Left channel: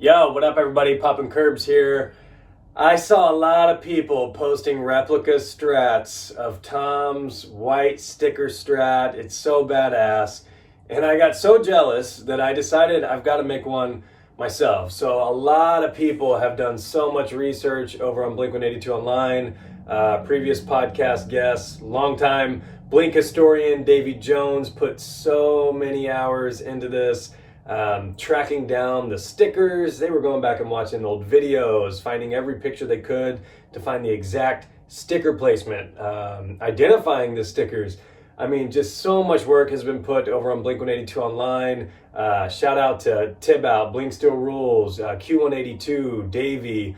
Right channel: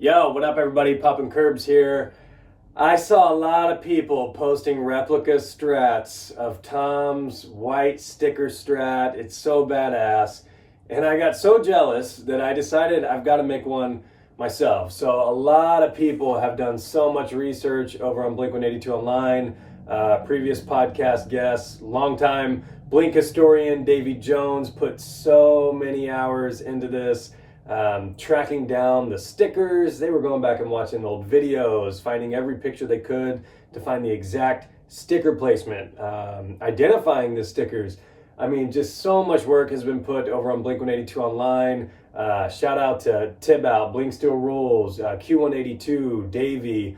Yo, what up everybody? Poppin' Curbs here. I saw a lot of people posting replica Strats of Tom's white sticker Strat. It's so badass. And I got so jealous that I decided I've got to make one myself. So a lot of people have done so much research over on blink-182 online. Previous podcast guests, longtime Blink historian Davy Jones put so many hours into this. Tracking down the stickers. They were going back and watching old videos, finding every picture they could to find the exact sticker placement, identifying the stickers. I mean, just so much work has been put over on Blink-182 online. Shout out to Tibout, Blink Still Rules, Q182, Davey.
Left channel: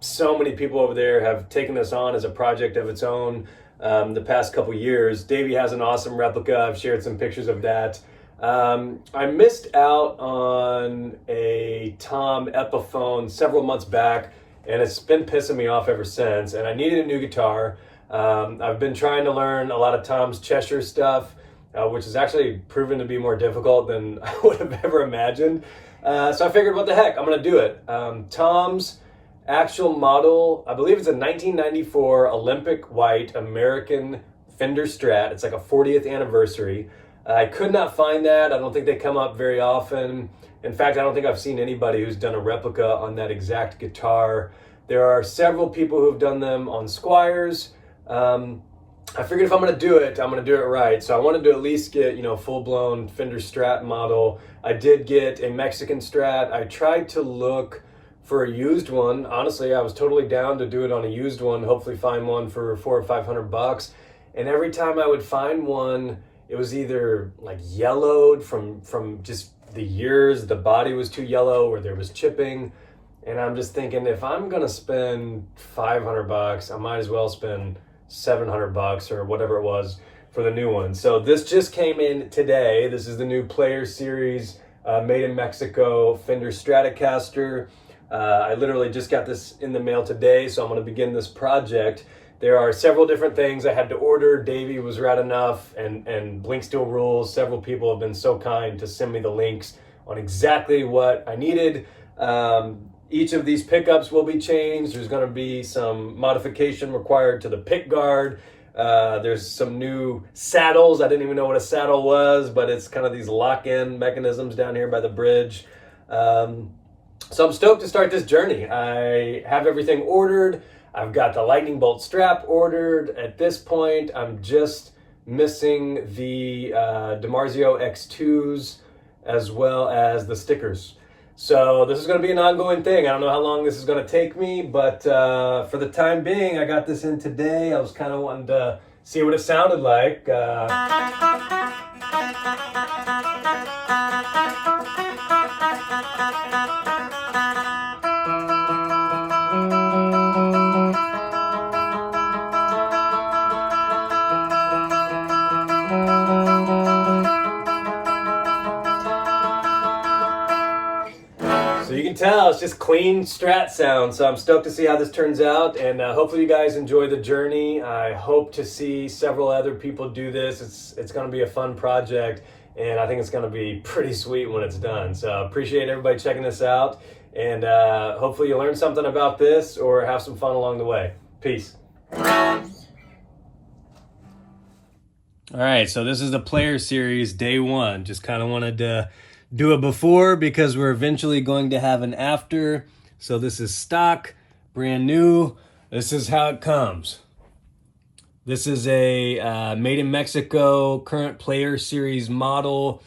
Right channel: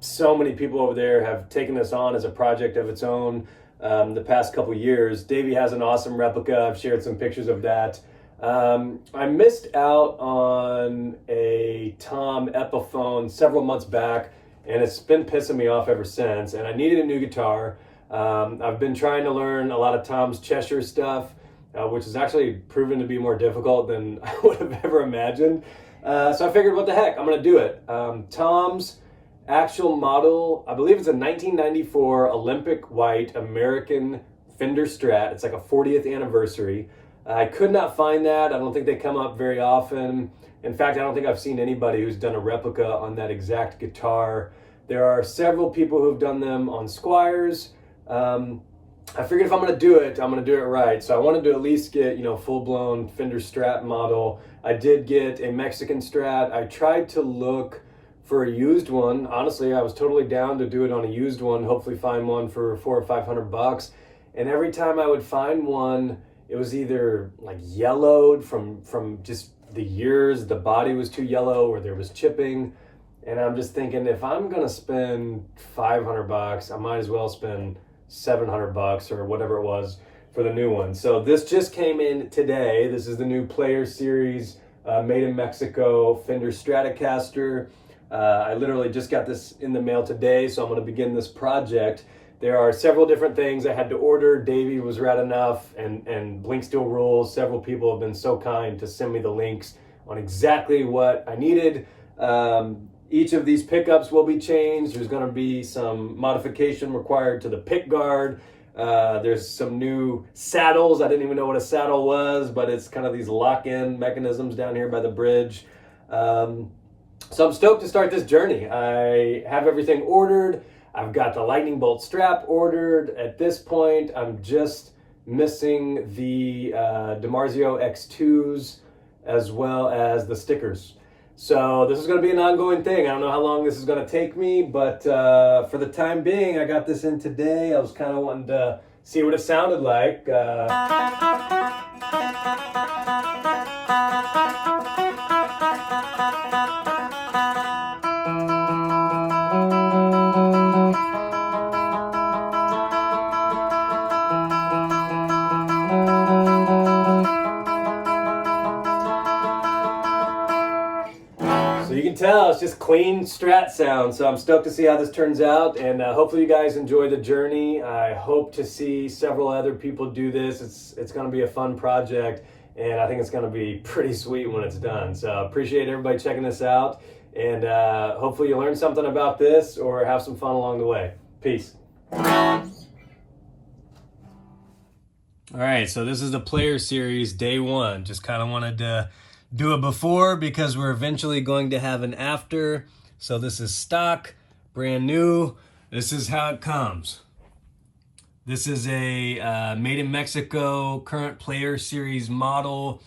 So many people over there have taken this on as a project of its own the past couple years. Davey has an awesome replica. I've shared some pictures of that. I missed out on a Tom Epiphone several months back, and it's been pissing me off ever since, and I needed a new guitar. I've been trying to learn a lot of Tom's Cheshire stuff, which has actually proven to be more difficult than I would have ever imagined. So I figured, what the heck, I'm going to do it. Tom's actual model, I believe it's a 1994 Olympic white American Fender Strat. It's like a 40th anniversary. I could not find that. I don't think they come up very often. In fact, I don't think I've seen anybody who's done a replica on that exact guitar. There are several people who've done them on Squires. I figured if I'm going to do it, I'm going to do it right. So I wanted to at least get, full-blown Fender Strat model. I did get a Mexican Strat. I tried to look for a used one. Honestly, I was totally down to do it on a used one, hopefully find one for $400 or $500. And every time I would find one, it was either like yellowed from just the years, the body was too yellow, or there was chipping. And I'm just thinking, if I'm gonna spend $500, I might as well spend $700 or whatever it was for the new one. So this just came in today. This is the new Player Series made in Mexico Fender Stratocaster. I literally just got this in the mail today, so I'm gonna begin this project. There are several different things I had to order. Davey was rad enough, and Blink Still Rules. Several people have been so kind to send me the links on exactly what I needed. Each of these pickups will be changed. There's going to be some modification required to the pick guard. There's some new saddles. I didn't even know what a saddle was, but it's kind of these lock-in mechanisms down here by the bridge. So I'm stoked to start this journey. I have everything ordered. I've got the lightning bolt strap ordered. At this point, I'm just missing the DeMarzio X2s as well as the stickers. So this is going to be an ongoing thing. I don't know how long this is going to take me, but for the time being, I got this in today. I was kind of wanting to see what it sounded like. So you can tell it's just clean Strat sound. So I'm stoked to see how this turns out, and hopefully you guys enjoy the journey. I hope to see several other people do this. It's going to be a fun project, and I think it's going to be pretty sweet when it's done. So appreciate everybody checking this out, and hopefully you learn something about this or have some fun along the way. Peace. All right, so this is the Player Series day one. Just kind of wanted to do a before because we're eventually going to have an after. So this is stock, brand new. This is how it comes. This is a made in Mexico current Player Series model.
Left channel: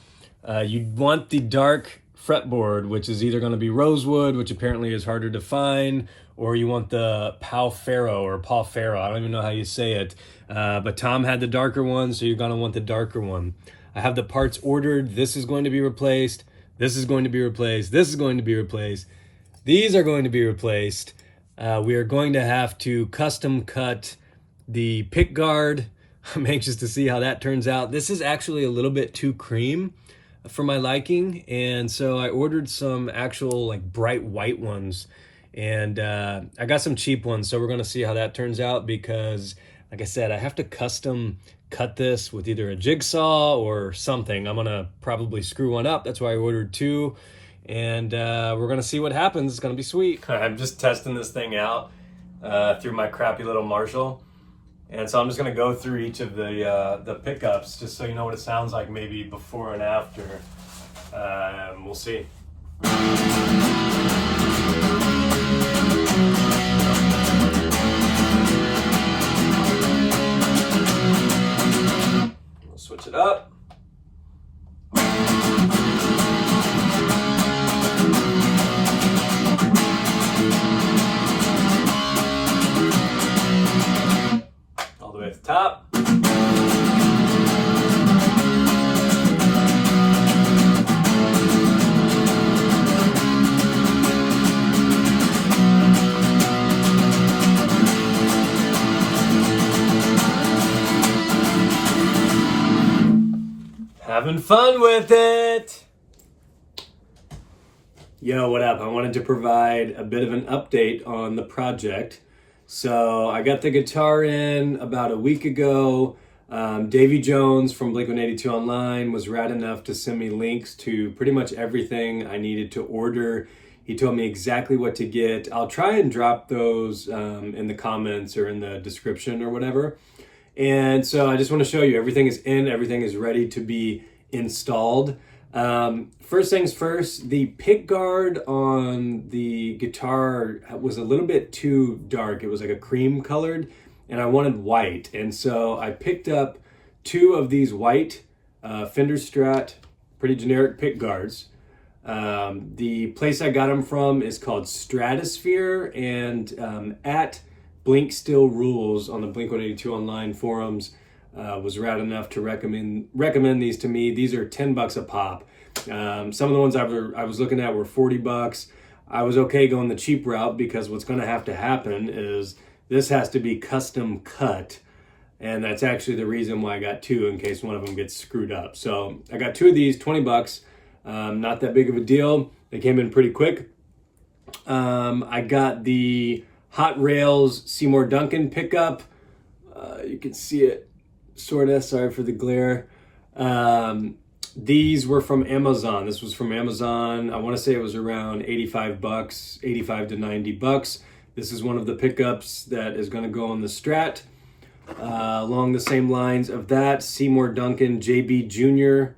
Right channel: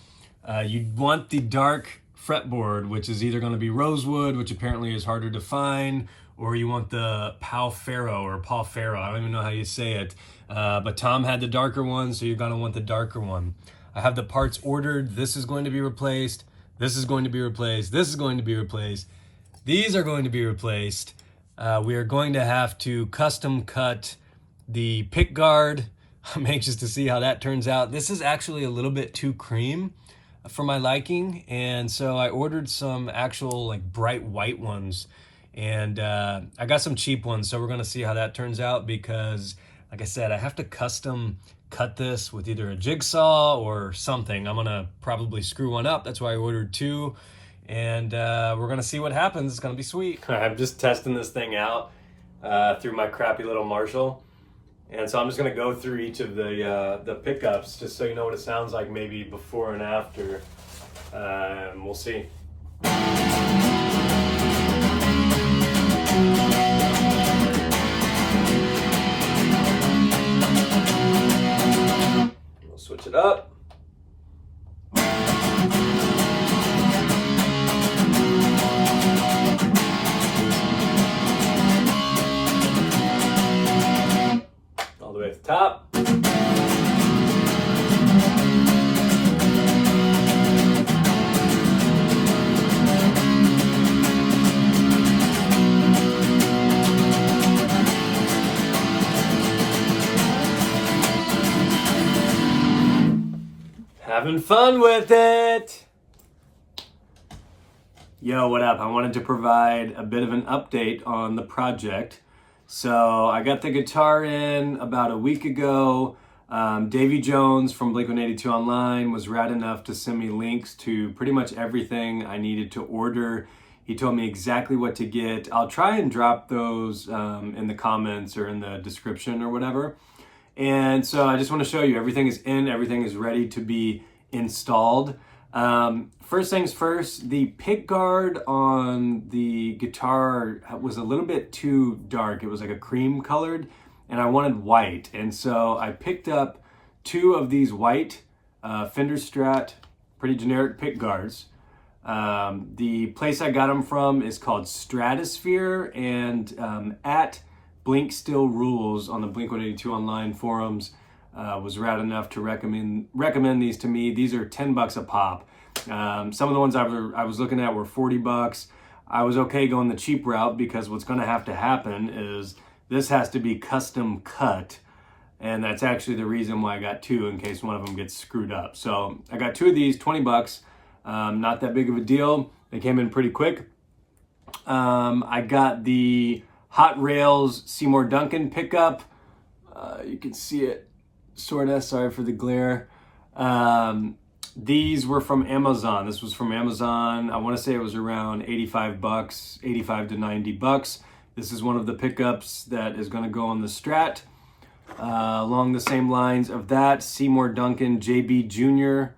You want the dark fretboard, which is either going to be rosewood, which apparently is harder to find, or you want the Pau Ferro or Paul Ferro. I don't even know how you say it. But Tom had the darker one, so you're going to want the darker one. I have the parts ordered. This is going to be replaced. This is going to be replaced. This is going to be replaced. These are going to be replaced. We are going to have to custom cut the pick guard. I'm anxious to see how that turns out. This is actually a little bit too cream for my liking, and so I ordered some actual like bright white ones, and I got some cheap ones, so we're going to see how that turns out because, like I said, I have to custom cut this with either a jigsaw or something. I'm gonna probably screw one up. That's why I ordered two. and we're gonna see what happens. It's gonna be sweet. I'm just testing this thing out through my crappy little Marshall, and so I'm just gonna go through each of the pickups just so you know what it sounds like, maybe before and after. We'll see. We'll switch it up. All the way to the top. Having fun with it. Yo, what up? I wanted to provide a bit of an update on the project. So I got the guitar in about a week ago. Davey Jones from Blink-182 Online was rad enough to send me links to pretty much everything I needed to order. He told me exactly what to get. I'll try and drop those in the comments or in the description or whatever. And so I just want to show you everything is in, everything is ready to be installed. First things first, the pick guard on the guitar was a little bit too dark. It was like a cream colored, and I wanted white. And so I picked up 2 of these white Fender Strat, pretty generic pick guards. The place I got them from is called Stratosphere, and at Blink Still Rules on the Blink-182 Online forums was rad enough to recommend these to me. These are $10 a pop. Some of the ones I was looking at were $40. I was okay going the cheap route because what's going to happen is this has to be custom cut, and that's actually the reason why I got 2 in case one of them gets screwed up. So I got 2 of these, $20. Not that big of a deal. They came in pretty quick. I got the Hot Rails Seymour Duncan pickup. You can see it sort of, sorry for the glare. These were from Amazon. This was from Amazon. I want to say it was around $85, 85 to $90. This is one of the pickups that is going to go on the Strat. Along the same lines of that, Seymour Duncan JB Jr.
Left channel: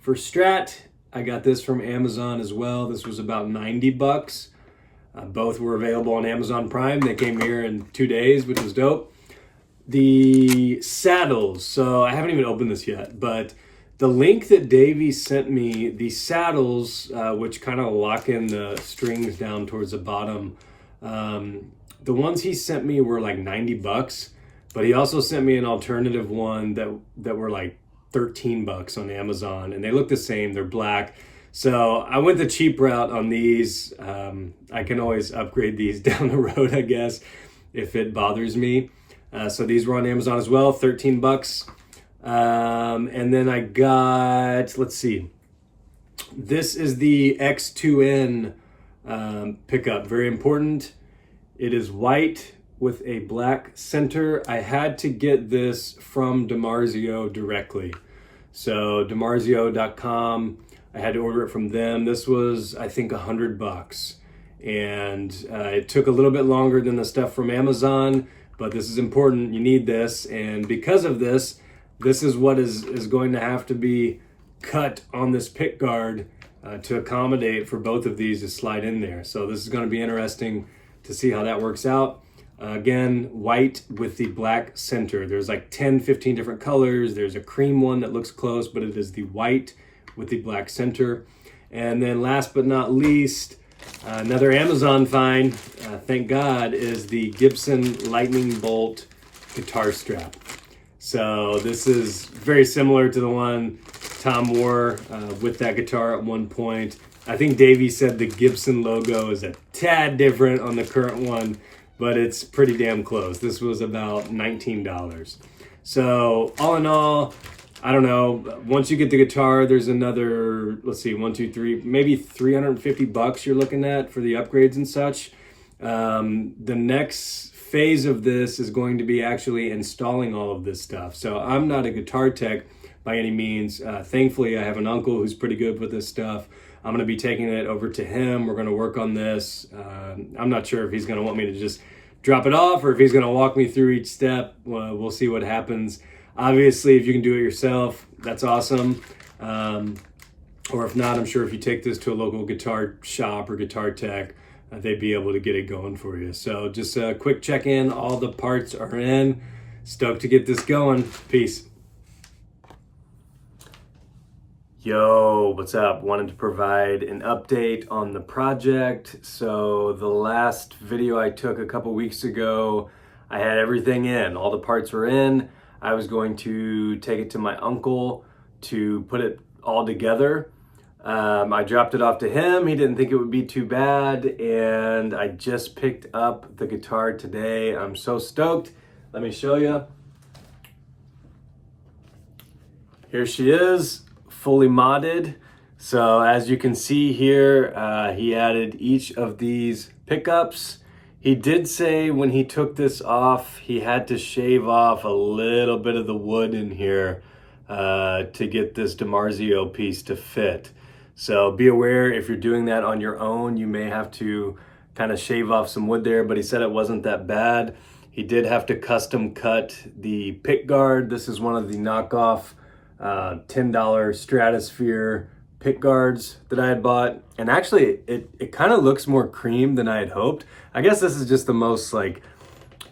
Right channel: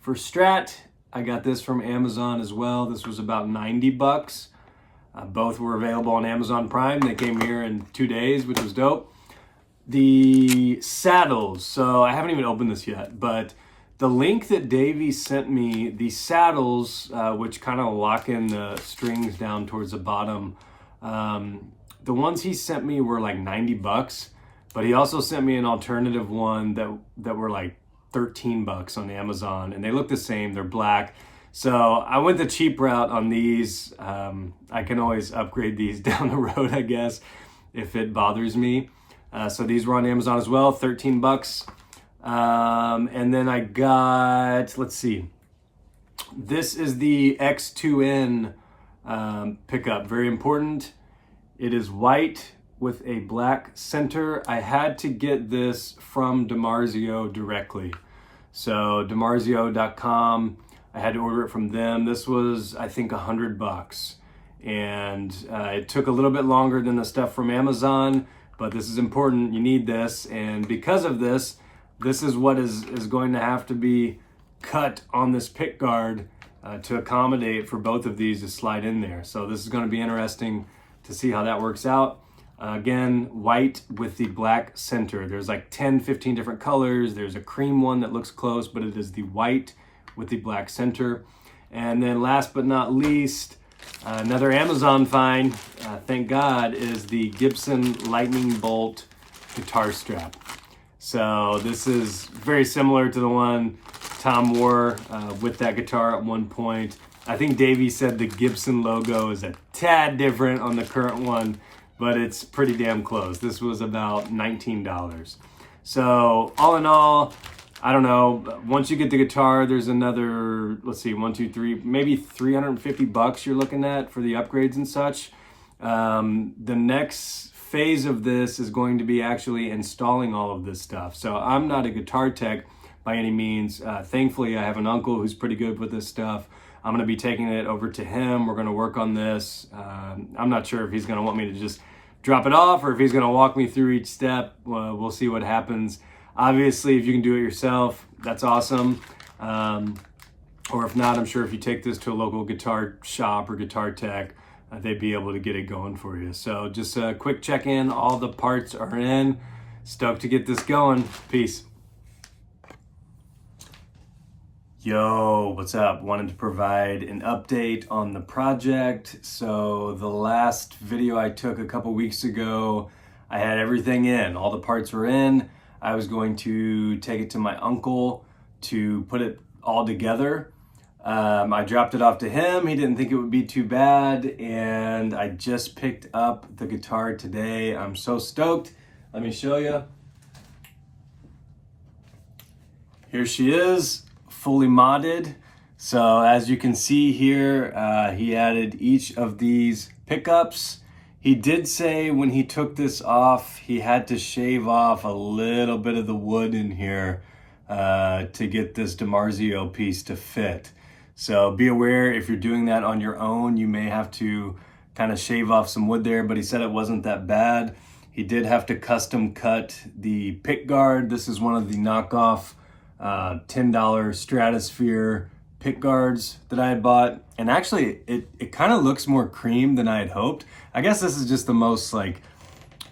for Strat. I got this from Amazon as well. This was about $90. Both were available on Amazon Prime. They came here in 2 days, which was dope. The saddles. So I haven't even opened this yet, but the link that Davey sent me, the saddles, which kind of lock in the strings down towards the bottom, the ones he sent me were like $90, but he also sent me an alternative one that were like $13 on Amazon, and they look the same. They're black. So I went the cheap route on these. I can always upgrade these down the road, I guess, if it bothers me. So these were on Amazon as well, $13. And then I got, let's see, this is the X2N pickup, very important. It is white with a black center. I had to get this from DiMarzio directly. So DiMarzio.com, I had to order it from them. This was, I think, $100. And it took a little bit longer than the stuff from Amazon, but this is important. You need this. And because of this, this is what is going to have to be cut on this pick guard to accommodate for both of these to slide in there. So this is going to be interesting to see how that works out. Again, white with the black center. There's like 10, 15 different colors. There's a cream one that looks close, but it is the white with the black center. And then last but not least, another Amazon find, thank God, is the Gibson Lightning Bolt guitar strap. So this is very similar to the one Tom wore with that guitar at one point. I think Davey said the Gibson logo is a tad different on the current one, but it's pretty damn close. This was about $19. So all in all, I don't know, once you get the guitar, there's another, let's see, 1, 2, 3, maybe $350 you're looking at for the upgrades and such. The next phase of this is going to be actually installing all of this stuff. So I'm not a guitar tech by any means. Thankfully, I have an uncle who's pretty good with this stuff. I'm going to be taking it over to him. We're going to work on this. I'm not sure if he's going to want me to just drop it off or if he's going to walk me through each step. We'll see what happens. Obviously, if you can do it yourself, that's awesome. Or if not, I'm sure if you take this to a local guitar shop or guitar tech, they'd be able to get it going for you. So just a quick check-in. All the parts are in. Stoked to get this going. Peace. Yo, what's up? Wanted to provide an update on the project. So the last video I took a couple weeks ago, I had everything in. All the parts were in. I was going to take it to my uncle to put it all together. I dropped it off to him. He didn't think it would be too bad, and I just picked up the guitar today. I'm so stoked. Let me show you. Here she is, fully modded. So as you can see here, he added each of these pickups. He did say when he took this off, he had to shave off a little bit of the wood in here to get this DiMarzio piece to fit. So be aware if you're doing that on your own, you may have to kind of shave off some wood there, but he said it wasn't that bad. He did have to custom cut the pick guard. This is one of the knockoff $10 Stratosphere pick guards that I had bought. And actually it kind of looks more cream than I had hoped. I guess this is just the most like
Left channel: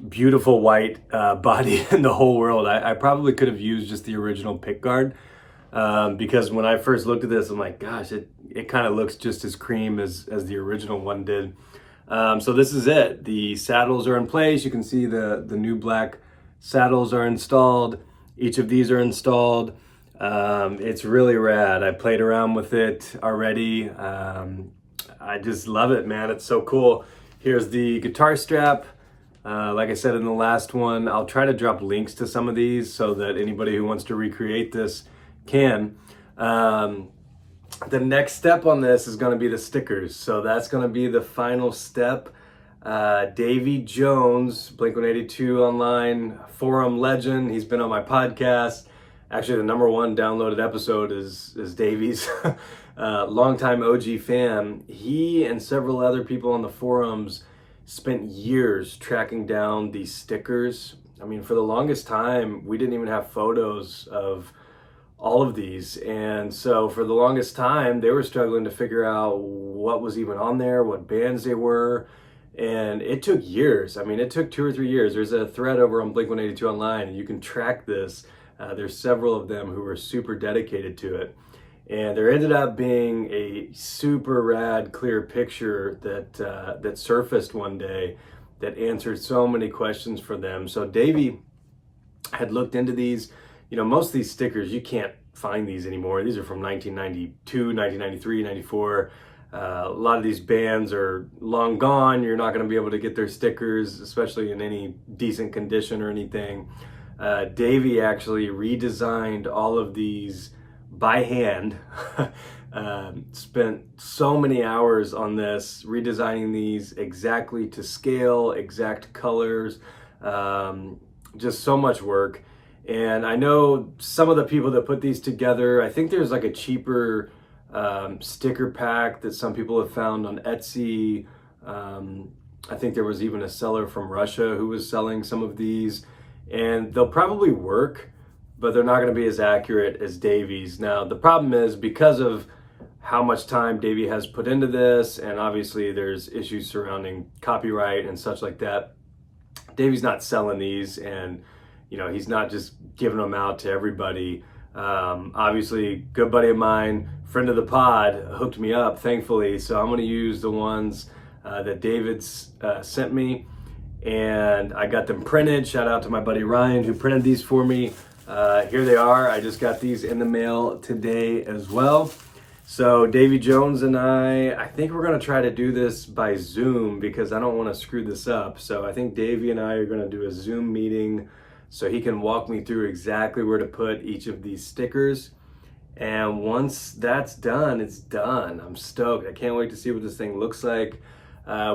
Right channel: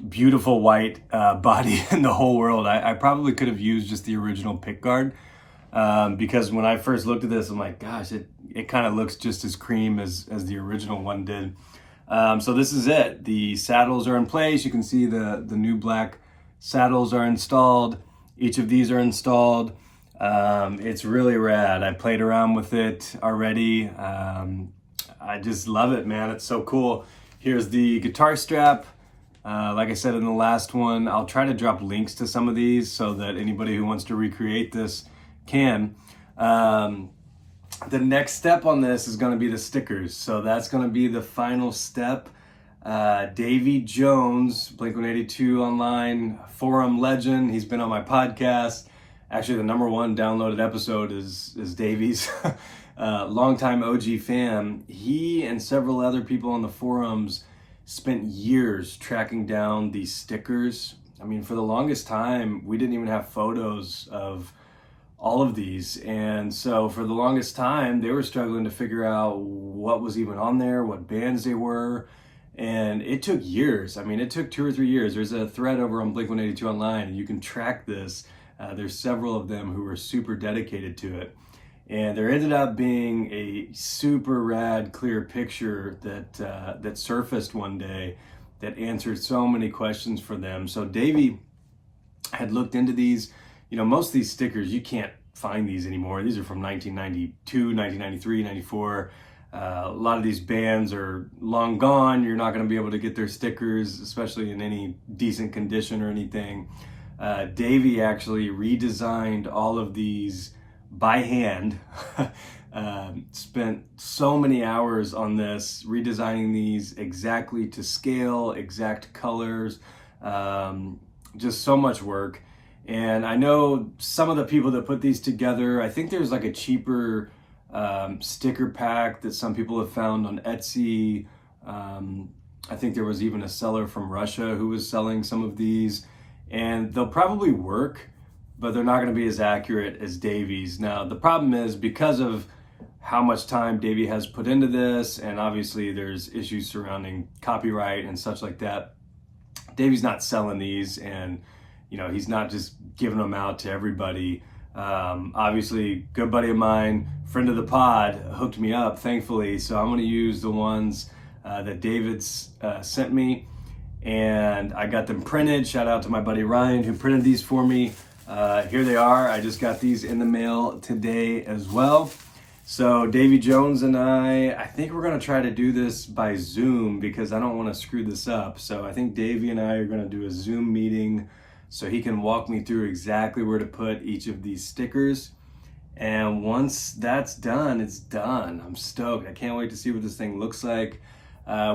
beautiful white body in the whole world. I probably could have used just the original pick guard because when I first looked at this, I'm like, gosh, it kind of looks just as cream as the original one did. So this is it. The saddles are in place. You can see the new black saddles are installed. Each of these are installed. It's really rad. I played around with it already. I just love it, man. It's so cool. Here's the guitar strap. Like I said in the last one, I'll try to drop links to some of these so that anybody who wants to recreate this can. The next step on this is going to be the stickers. So that's going to be the final step. Davy Jones, blink-182 online forum legend. He's been on my podcast. Actually, the #1 downloaded episode is Davy's. Longtime OG fan. He and several other people on the forums spent years tracking down these stickers. I mean, for the longest time, we didn't even have photos of all of these. And so for the longest time, they were struggling to figure out what was even on there, what bands they were. And it took years. I mean, it took 2 or 3 years. There's a thread over on Blink-182 online, and you can track this. There's several of them who were super dedicated to it. And there ended up being a super rad, clear picture that surfaced one day that answered so many questions for them. So Davey had looked into these. You know, most of these stickers, you can't find these anymore. These are from 1992, 1993, 94. A lot of these bands are long gone. You're not going to be able to get their stickers, especially in any decent condition or anything. Davey actually redesigned all of these by hand. Spent so many hours on this, redesigning these exactly to scale, exact colors, just so much work. And I know some of the people that put these together, I think there's like a cheaper sticker pack that some people have found on Etsy. I think there was even a seller from Russia who was selling some of these, and they'll probably work, but they're not going to be as accurate as Davy's. Now, the problem is because of how much time Davy has put into this, and obviously there's issues surrounding copyright and such like that, Davy's not selling these, and you know, he's not just giving them out to everybody. Obviously, good buddy of mine, friend of the pod, hooked me up, thankfully. So I'm going to use the ones that David's sent me, and I got them printed. Shout out to my buddy Ryan who printed these for me. Here they are. I just got these in the mail today as well. So Davy Jones and I think we're going to try to do this by Zoom because I don't want to screw this up. So I think Davy and I are going to do a Zoom meeting so he can walk me through exactly where to put each of these stickers. And once that's done, it's done. I'm stoked. I can't wait to see what this thing looks like.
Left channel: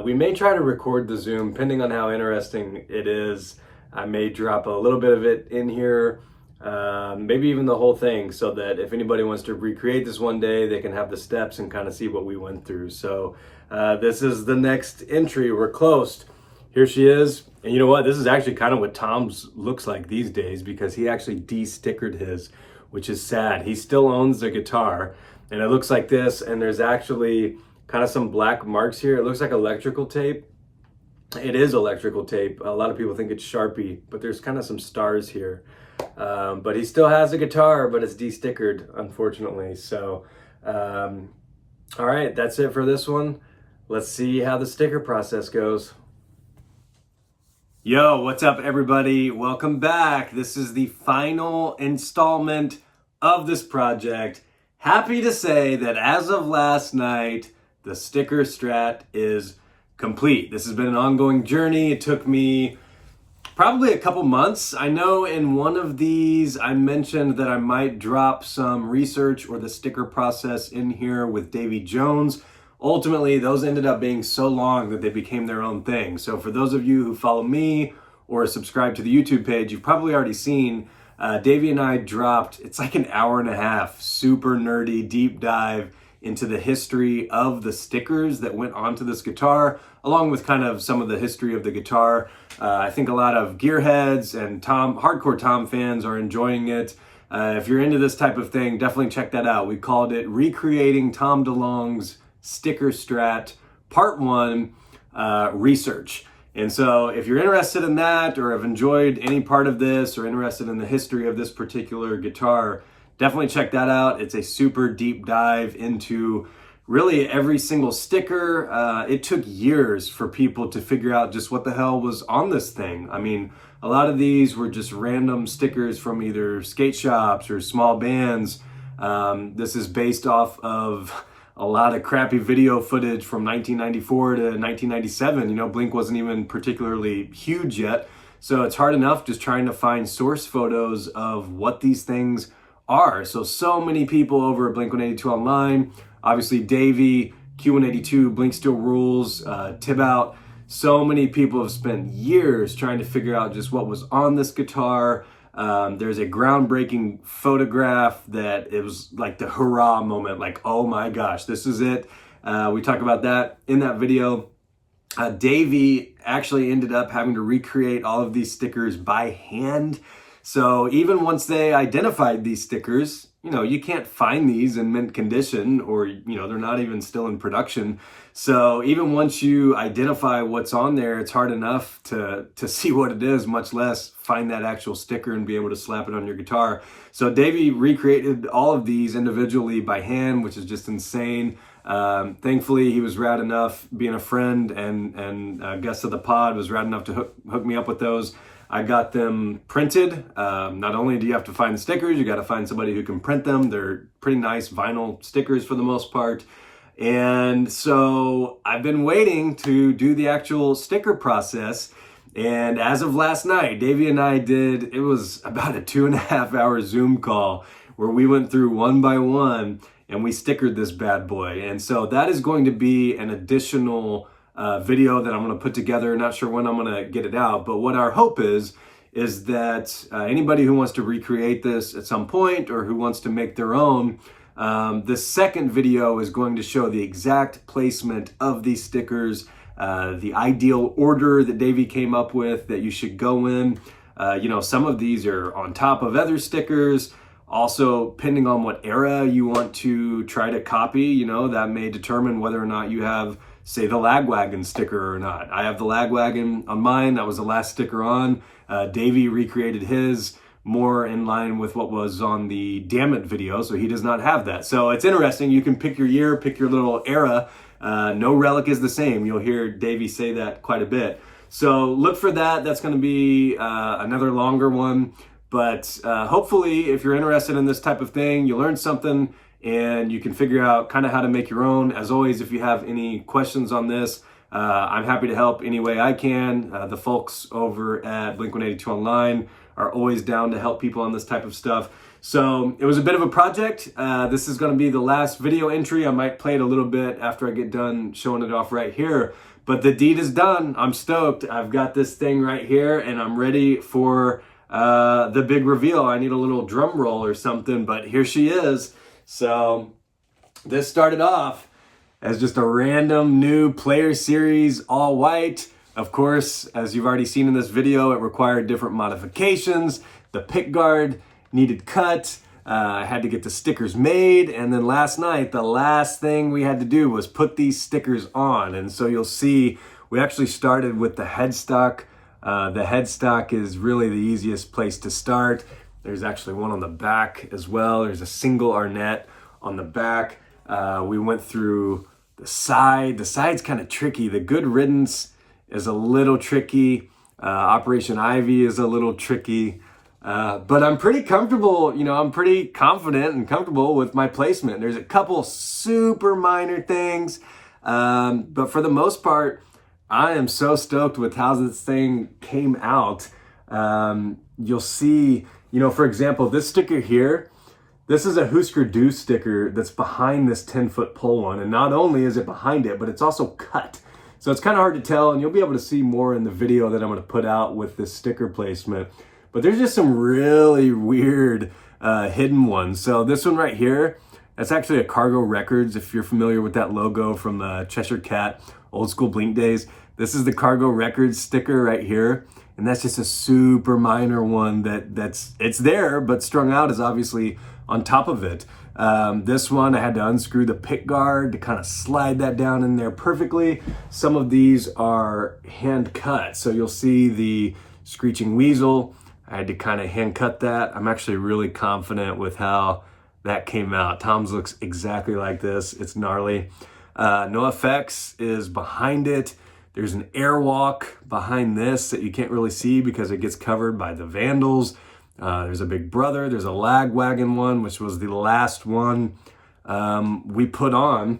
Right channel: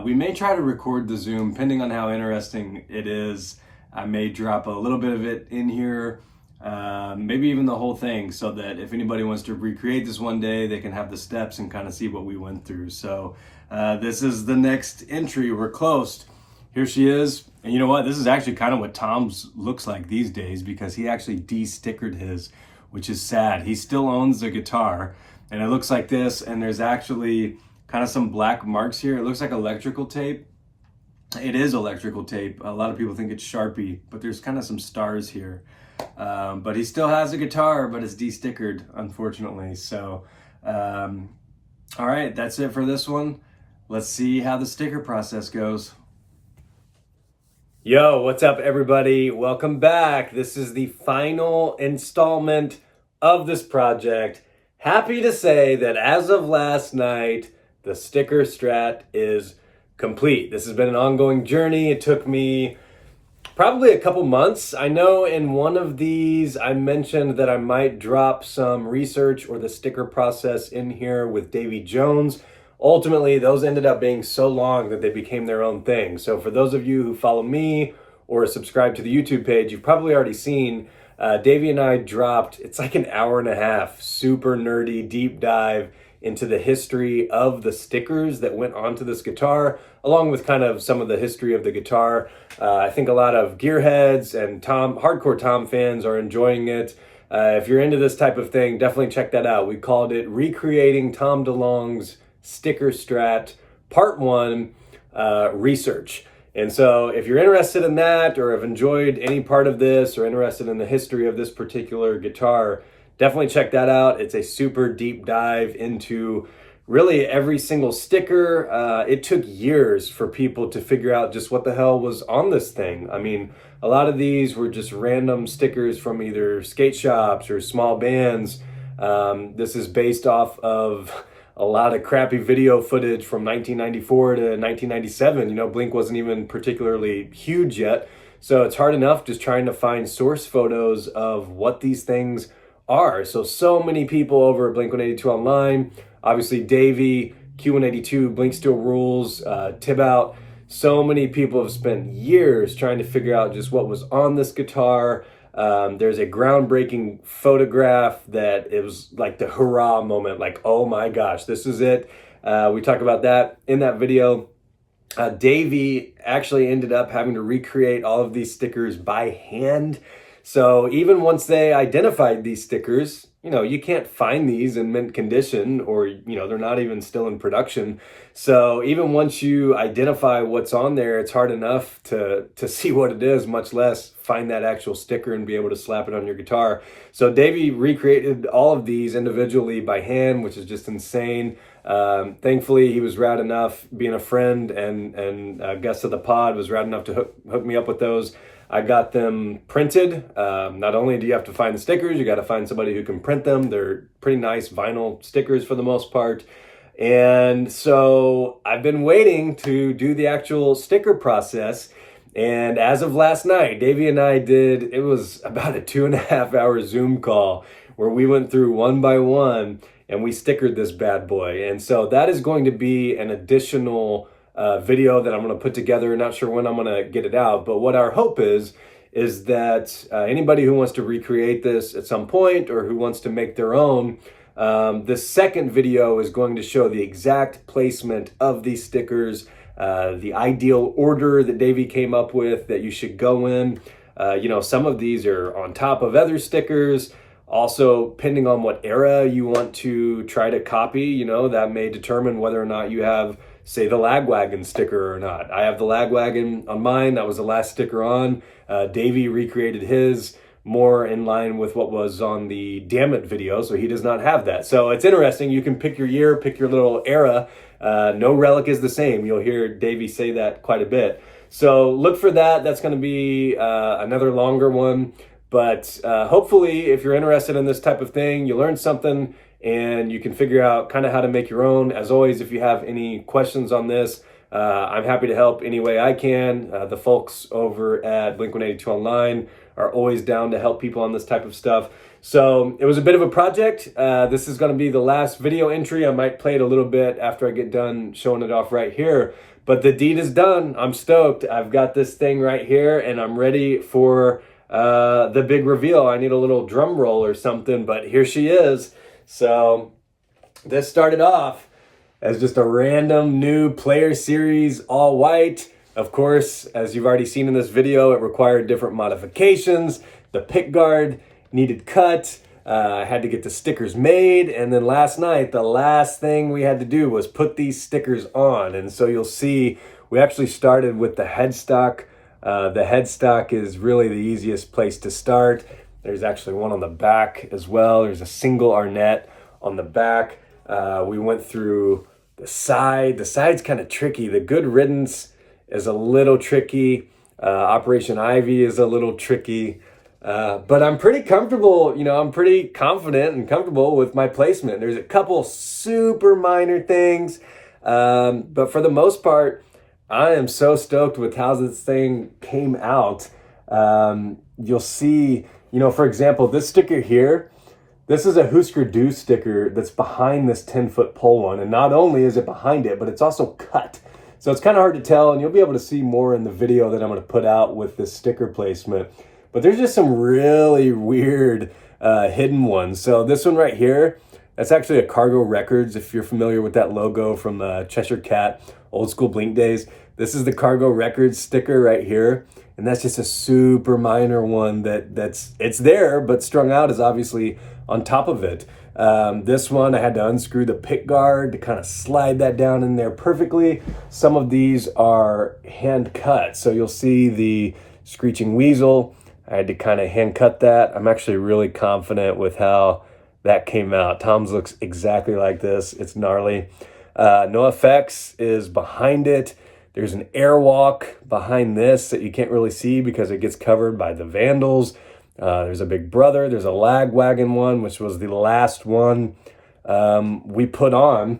We may try to record the Zoom, depending on how interesting it is. I may drop a little bit of it in here. maybe even the whole thing, so that if anybody wants to recreate this one day, they can have the steps and kind of see what we went through. So this is the next entry. We're close. Here she is. And you know what? This is actually kind of what Tom's looks like these days, because he actually de-stickered his, which is sad. He still owns the guitar, and it looks like this. And there's actually kind of some black marks here. It looks like electrical tape. It is electrical tape. A lot of people think it's Sharpie, but there's kind of some stars here. But he still has a guitar, but it's de-stickered, unfortunately. So, all right, that's it for this one. Let's see how the sticker process goes. Yo, what's up, everybody? Welcome back. This is the final installment of this project. Happy to say that as of last night, the sticker Strat is complete. This has been an ongoing journey. It took me probably a couple months. I know in one of these I mentioned that I might drop some research or the sticker process in here with Davy Jones. Ultimately, those ended up being so long that they became their own thing. So for those of you who follow me or subscribe to the YouTube page, you've probably already seen Davy and I dropped, it's like an hour and a half, super nerdy deep dive into the history of the stickers that went onto this guitar, along with kind of some of the history of the guitar. I think a lot of gearheads and hardcore Tom fans are enjoying it. If you're into this type of thing, definitely check that out. We called it Recreating Tom DeLonge's Sticker Strat Part 1 Research. And so if you're interested in that, or have enjoyed any part of this, or interested in the history of this particular guitar, definitely check that out. It's a super deep dive into really every single sticker. It took years for people to figure out just what the hell was on this thing. I mean, a lot of these were just random stickers from either skate shops or small bands. This is based off of a lot of crappy video footage from 1994 to 1997. You know, Blink wasn't even particularly huge yet. So it's hard enough just trying to find source photos of what these things are. So many people over at blink-182 online, obviously Davey, Q182, Blink Still Rules, Tibout. So many people have spent years trying to figure out just what was on this guitar. There's a groundbreaking photograph that it was like the hurrah moment, like, oh my gosh, this is it. We talk about that in that video. Davey actually ended up having to recreate all of these stickers by hand. So even once they identified these stickers, you know, you can't find these in mint condition, or, you know, they're not even still in production. So even once you identify what's on there, it's hard enough to see what it is, much less find that actual sticker and be able to slap it on your guitar. So Davey recreated all of these individually by hand, which is just insane. Thankfully, he was rad enough, being a friend and a guest of the pod, was rad enough to hook me up with those. I got them printed. Not only do you have to find the stickers, you got to find somebody who can print them. They're pretty nice vinyl stickers for the most part. And so I've been waiting to do the actual sticker process. And as of last night, Davey and I it was about a 2.5 hour Zoom call where we went through one by one and we stickered this bad boy. And so that is going to be an additional video that I'm going to put together. Not sure when I'm going to get it out, but what our hope is that anybody who wants to recreate this at some point, or who wants to make their own, the second video is going to show the exact placement of these stickers, the ideal order that Davey came up with that you should go in. You know, some of these are on top of other stickers. Also, depending on what era you want to try to copy, you know, that may determine whether or not you have, say, the Lagwagon sticker or not. I have the Lagwagon on mine. That was the last sticker on. Davey recreated his more in line with what was on the Damn It video, so he does not have that. So it's interesting. You can pick your year, pick your little era. No relic is the same. You'll hear Davey say that quite a bit. So look for that. That's going to be another longer one. But hopefully, if you're interested in this type of thing, you learn something and you can figure out kind of how to make your own. As always, if you have any questions on this, I'm happy to help any way I can. The folks over at Blink-182 Online are always down to help people on this type of stuff. So it was a bit of a project. This is going to be the last video entry. I might play it a little bit after I get done showing it off right here. But the deed is done. I'm stoked. I've got this thing right here and I'm ready for the big reveal. I need a little drum roll or something, but here she is. So this started off as just a random new Player Series all white. Of course, as you've already seen in this video, it required different modifications. The pick guard needed cut. I had to get the stickers made. And then last night, the last thing we had to do was put these stickers on. And so you'll see, we actually started with the headstock. The headstock is really the easiest place to start. There's actually one on the back as well. There's a single Arnett on the back. We went through the side. The side's kind of tricky. The Good Riddance is a little tricky. Operation Ivy is a little tricky. But I'm pretty comfortable, I'm pretty confident and comfortable with my placement. There's a couple super minor things. But for the most part, I am so stoked with how this thing came out. You'll see, for example, this sticker here, this is a Husker Du sticker that's behind this 10-foot pole one. And not only is it behind it, but it's also cut. So it's kind of hard to tell, and you'll be able to see more in the video that I'm going to put out with this sticker placement. But there's just some really weird hidden ones. So this one right here, that's actually a Cargo Records, if you're familiar with that logo from Cheshire Cat, old school Blink days. This is the Cargo Records sticker right here. And that's just a super minor one it's there, but strung out is obviously on top of it. This one, I had to unscrew the pick guard to kind of slide that down in there perfectly. Some of these are hand cut. So you'll see the Screeching Weasel. I had to kind of hand cut that. I'm actually really confident with how that came out. Tom's looks exactly like this. It's gnarly. No Effects is behind it. There's an airwalk behind this that you can't really see because it gets covered by the Vandals. There's a Big Brother. There's a Lagwagon one, which was the last one we put on.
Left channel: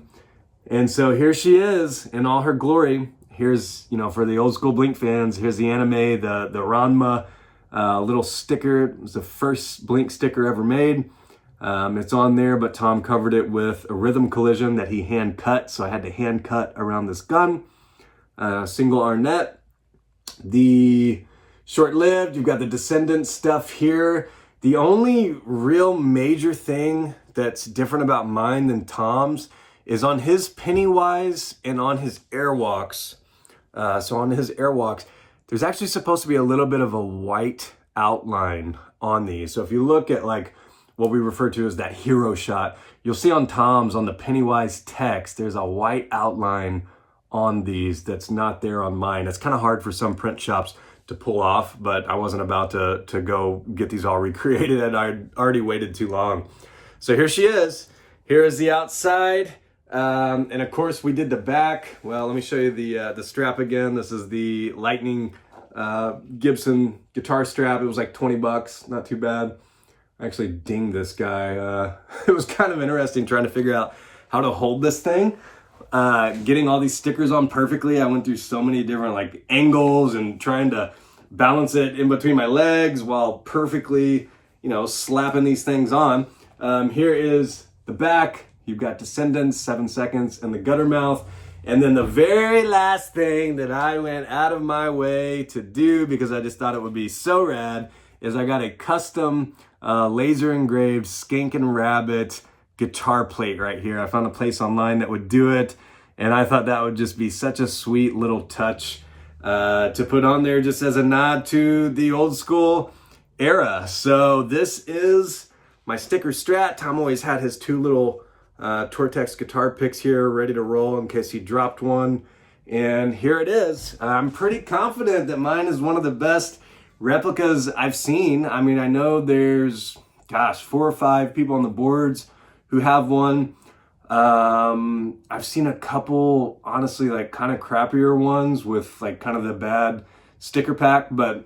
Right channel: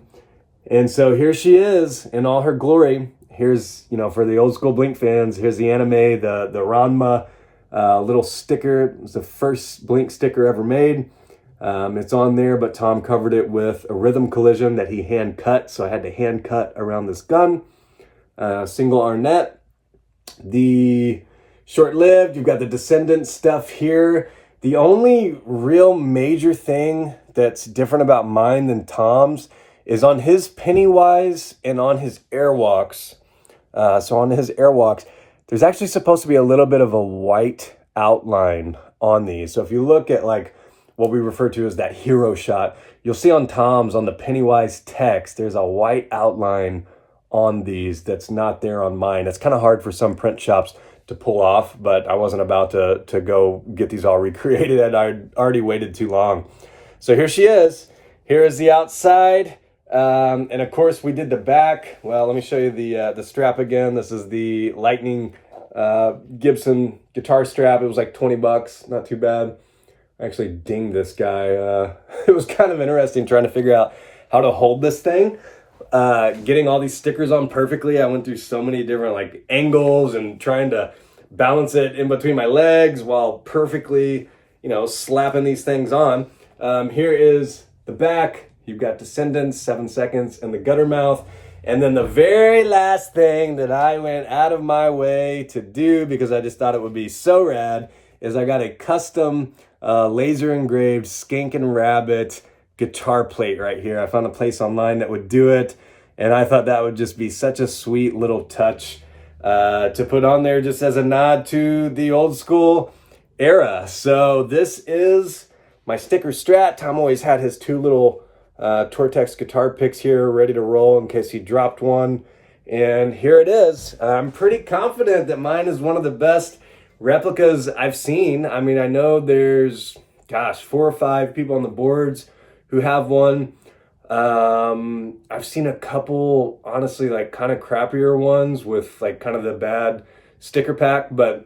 And so here she is in all her glory. Here's, for the old school Blink fans, here's the anime, the Ranma little sticker. It was the first Blink sticker ever made. It's on there, but Tom covered it with a Rhythm Collision that he hand cut. So I had to hand cut around this gun. Single Arnett. The short-lived, you've got the Descendants stuff here. The only real major thing that's different about mine than Tom's is on his Pennywise and on his Airwalks. So on his Airwalks, there's actually supposed to be a little bit of a white outline on these. So if you look at like what we refer to as that hero shot, you'll see on Tom's, on the Pennywise text, there's a white outline on these that's not there on mine. It's kind of hard for some print shops to pull off, but I wasn't about to go get these all recreated, and I'd already waited too long. So here she is. Here is the outside. And of course we did the back. Well, let me show you the strap again. This is the Lightning Gibson guitar strap. It was like 20 bucks, not too bad. I actually dinged this guy. It was kind of interesting trying to figure out how to hold this thing. Getting all these stickers on perfectly. I went through so many different like angles and trying to balance it in between my legs while perfectly, slapping these things on. Here is the back. You've got Descendants, 7 seconds, and the Gutter Mouth. And then the very last thing that I went out of my way to do because I just thought it would be so rad is I got a custom laser engraved Skankin' Rabbit guitar plate right here. I found a place online that would do it, and I thought that would just be such a sweet little touch to put on there just as a nod to the old school era. So this is my sticker Strat. Tom always had his two little Tortex guitar picks here ready to roll in case he dropped one, and here it is. I'm pretty confident that mine is one of the best replicas I've seen. I mean, I know there's 4 or 5 people on the boards who have one. I've seen a couple, honestly, like kind of crappier ones with like kind of the bad sticker pack, but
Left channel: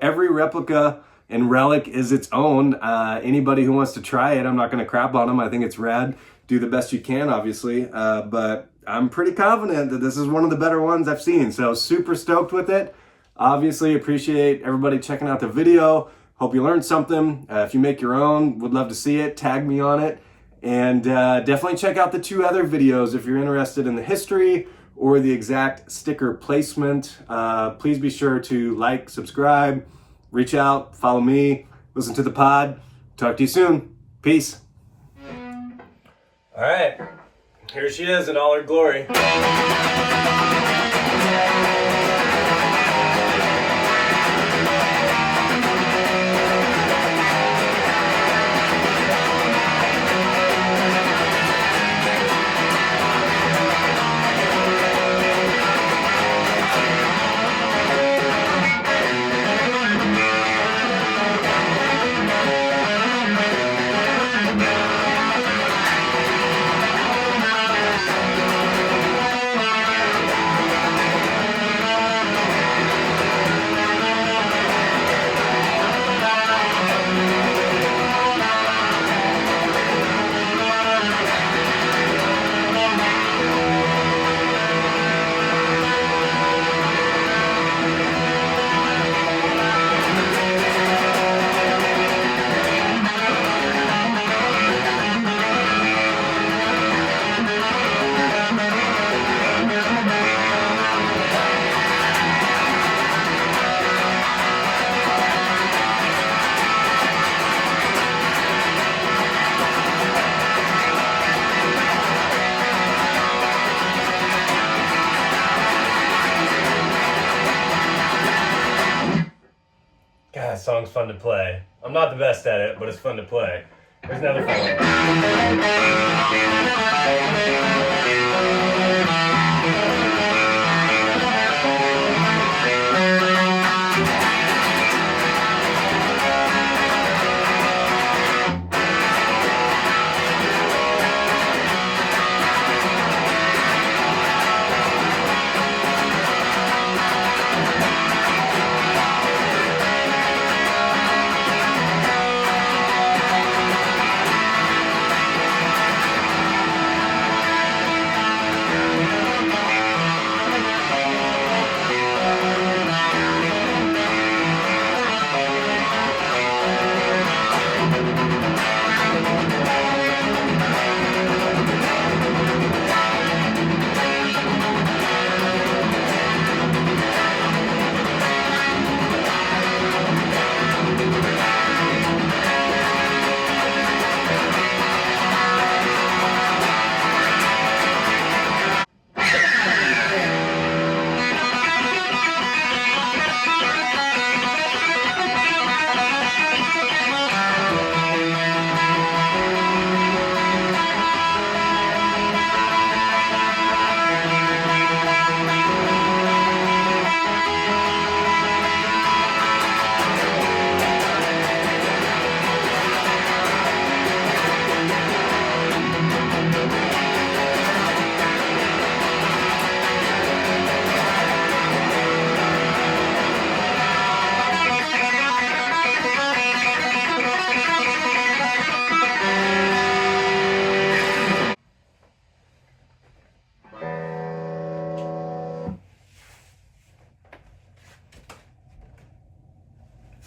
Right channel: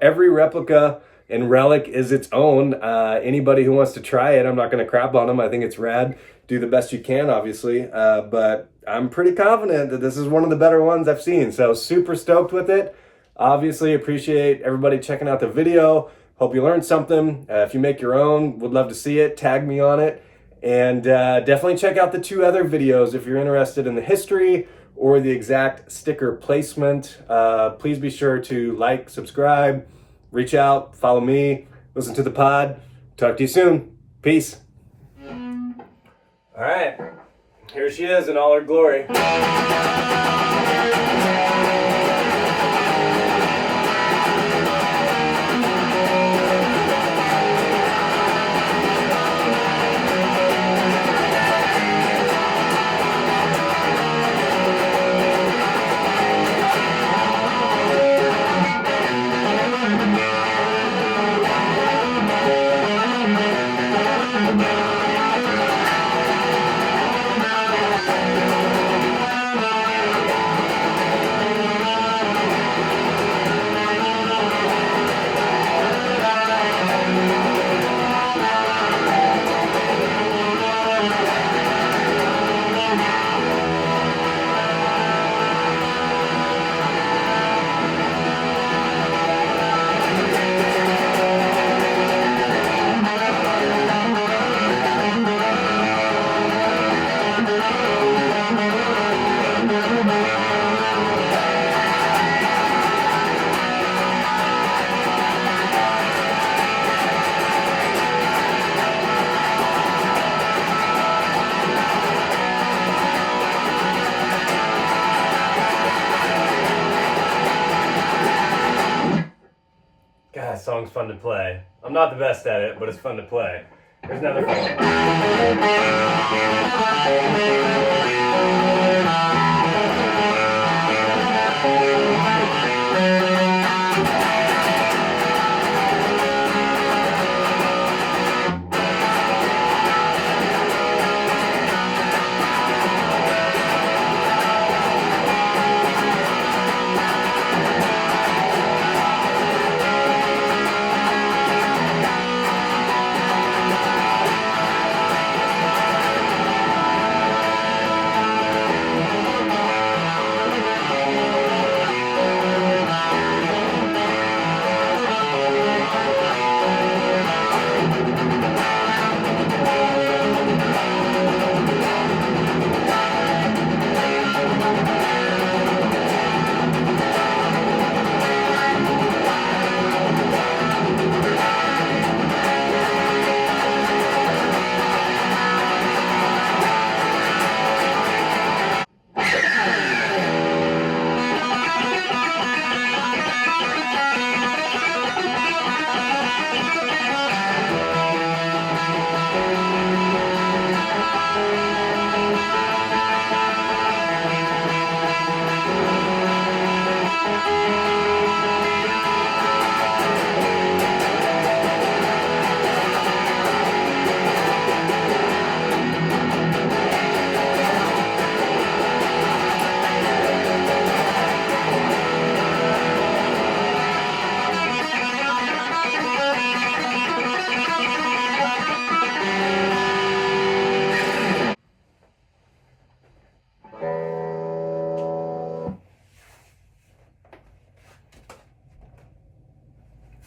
every replica and relic is its own. Anybody who wants to try it, I'm not going to crap on them. I think it's rad. Do the best you can, obviously. But I'm pretty confident that this is one of the better ones I've seen. So super stoked with it. Obviously appreciate everybody checking out the video. Hope you learned something. If you make your own, would love to see it. Tag me on it. And definitely check out the 2 other videos if you're interested in the history or the exact sticker placement. Please be sure to like, subscribe, reach out, follow me, listen to the pod. Talk to you soon. Peace. All right, here she is in all her glory. God, that song's fun to play. I'm not the best at it, but it's fun to play. There's another fun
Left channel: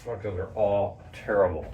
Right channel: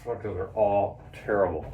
Fuck, those are all terrible.